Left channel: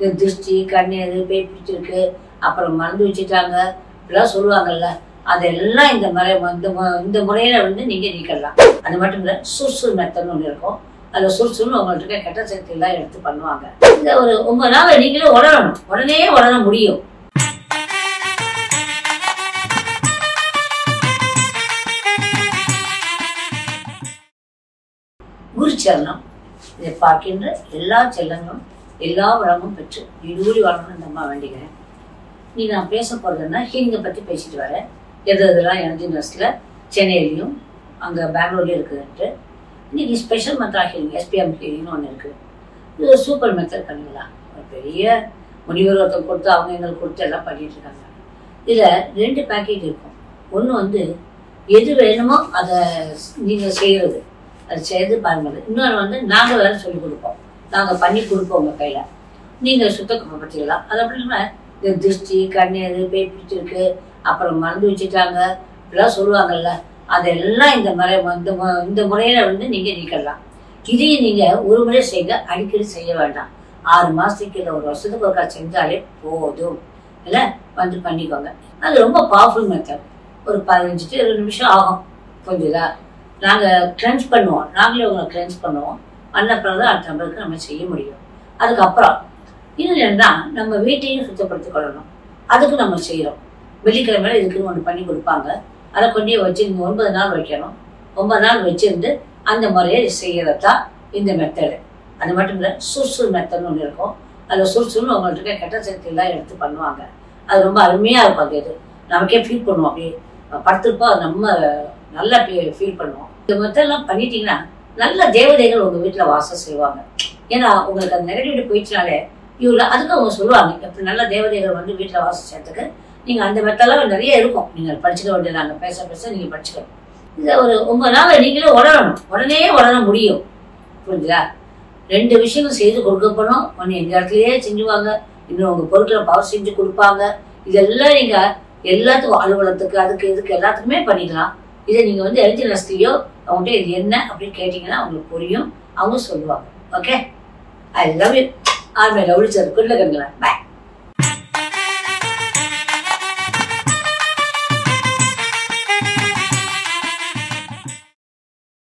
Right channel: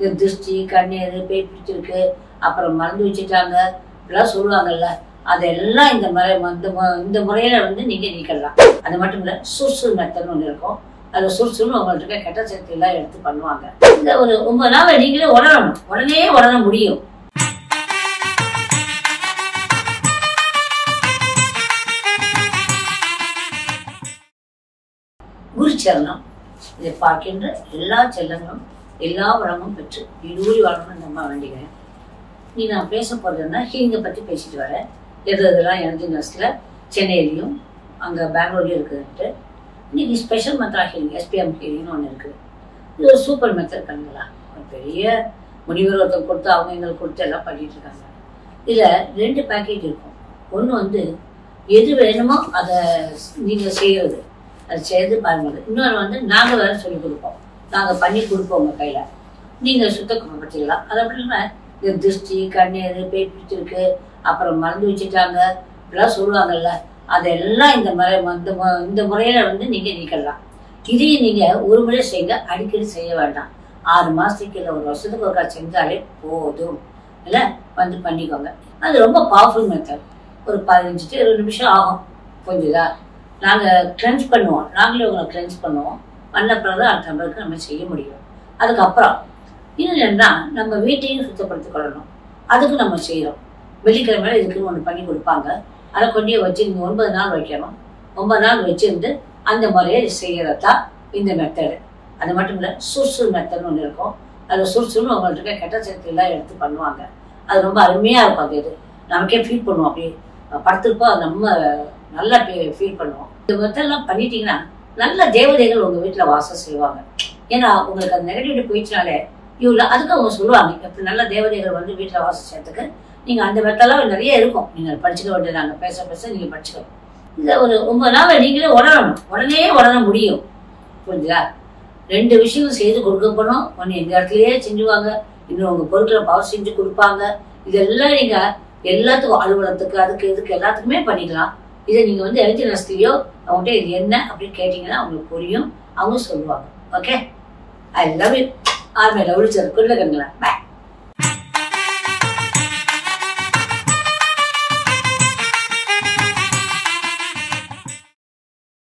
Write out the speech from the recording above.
இந்த திருஷ்டி கண்ணீர் பேய் பிடிச்சிருக்கு அப்புறம் மறந்து வச்சுட்டாங்க இப்படிலாம் சொல்லுவாங்கல்ல, அதெல்லாம் இந்த முறையில வந்து நீங்க நீக்கலாம். அது மட்டும் இல்ல, சுறுசுறு மெத்தட்னு ஒண்ணு இருக்கும். அதுல சுறுசுறுன்னு உங்கள்கிட்ட கெட்ட சக்தி எல்லாம் எடுத்து பண்ணுவாங்க. இந்த ஒரு 9 நாள் நீங்களே உணரணும், உடனே உணர முடியும். குரு சரணம். இதை பார்க்கின்ற எல்லா செல்லங்களும் எல்லா வளமும் பெற்று இடுவூடி வாழணும்னு நம்ம வேண்டிக்கிறேன். நீ நான் பேச போறதுன்னா ஹீலிங்கை பத்தி பேசிட்டு வரேன். எதெல்லாம் எனர்ஜி நர்ஸ்ல சென்னையிலையும் அங்க பெங்களூர்லயும் இருக்குதுன்ட்டு. இன்னைக்கு ஸ்பெஷல் மெத்தா ஹீலிங், SPM ஹீலிங்னு ஒன்று இருக்குது. இது ஒரு சூப்பர் மெத்தட் கண்ணுங்களா. ஒரு பெரிய முனிவர் ஒருத்தர் கொடுத்து அவங்க எங்களுக்கு கொடுத்து எல்லாம் பண்ணிட்டு இருக்காங்க. இதுல 2 பேக்கேஜ் இருக்கும். ஒன்று வந்து எது வேணுமோ அதை நீங்க செய்யறது, அது செய்து பாருங்க. இன்னொன்று வந்து நாங்க வேற சொல்லி கொடுப்போம், நாங்க பண்ணி கொடுப்போம் உங்க கையில, நீங்க சுத்தப்படுத்திக்கலாம். அது அப்படி இல்லாம இந்த திருஷ்டி கண்ணீர் பேய் பிடிச்சிருக்கு அப்புறம் மறந்து வச்சுட்டாங்க இப்படிலாம் சொல்லுவாங்கல்ல, அதெல்லாம் இந்த முறையில வந்து நீங்க நீக்கலாம். இதையும் நீங்க ஒரு முறை செய்யுங்க, அடிக்கடி செய்ய வேண்டாம். 6 மாசத்துக்கு இல்லை 1 வருஷத்துக்கு ஒருக்கா செஞ்சாலே போதும். இல்ல வந்து பண்ணிக்கோங்க. அது ரொம்ப பவர்ஃபுல் மெத்தட். ஒரு 15 to 20 நிமிஷம் ஆகும். புரிஞ்சுதா? நாங்க கிளென்ஸ் பண்ணுவோம், நாங்களே உங்களை கிளென்ஸ் பண்ணுவோம். பண்ண பிறகு அடுத்த நம்பருக்கு நம்ம செய்ய முடியும். அதுக்கப்புறம் இன்னும் என்னன்னா, நம்ம வீட்டையும் சுத்தப்படுத்திக் கொள்ளணும். அதுக்கு நம்ம செய்யறோம். வெள்ளிக்கிழமையில இதுக்குன்னு ஒன்று பண்ணி கொடுப்பாங்க. அதை கொண்டே வச்சு நீங்க 9 நாள் வைக்கணும். 9 நாள் வச்சிருந்து அந்த முறையை செய்யறதா இந்த மெத்தடு. அது மட்டும் இல்ல, சுறுசுறு மெத்தட்னு ஒன்று இருக்கும். அதுல சுறுசுறுன்னு உங்கள்கிட்ட கெட்ட சக்தி எல்லாம் எடுத்து பண்ணுவாங்க. அது ரொம்ப அருமையா இருக்கும். அது இது நமக்கே ஃபீல் பண்ணுவோம். அப்படியே படுத்திருப்போம், அது நம்ம நல்லா ஃபீல் பண்ணுவோம். இந்த மெத்தட்லாம் பண்ணிட்டீங்கன்னா நல்ல தேவதைகள் உங்க வீட்டுல வாசம் செய்வாங்க. ஏன்னா உங்களுக்கு அந்த நெகட்டிவிட்டி போயிடுச்சுனாலே இவ்வளோ அதுக்கு அவங்க சொல்லுவாங்க, எப்படி நல்ல தேவதைகள் வந்து வீட்டுல வாசம் செய்யறதுக்கு நீங்க அந்த மெத்தட்லாம் நிறைய இருக்கும். நீங்க படிச்சுக்க வேண்டியது, நாங்க பேச பேச நீங்க படிச்சுக்கணும். இதை ஒரு 9 நாள் நீங்களே உணரணும், உடனே உணர முடியும். புரிஞ்சுதா? 2 விஷயங்கள் செய்து கொடுக்கப்படும். ஒன்று எங்க இடத்துலயே செஞ்சுவாங்க, இன்னும் உங்க பொருட்களை பவர் செஞ்சு கொடுப்பாங்க. இதெல்லாம் நீங்க எல்லாத்துக்கும், அலுவலகத்துக்கு அதுக்கு இதுக்கு எல்லாத்துக்குமே பண்ணிக்கலாம். இதை நீங்க வந்து எனர்ஜி நர்ஸ்லயோ அவங்கள்ட்ட இது என்ன அப்படின்னு கேட்டீங்கன்னா அவங்களுக்கு புரியும், அவங்க சொல்லுவாங்க. Okay, I love you. ஆர்மே லவ்லி சார். Good luck. பாய்.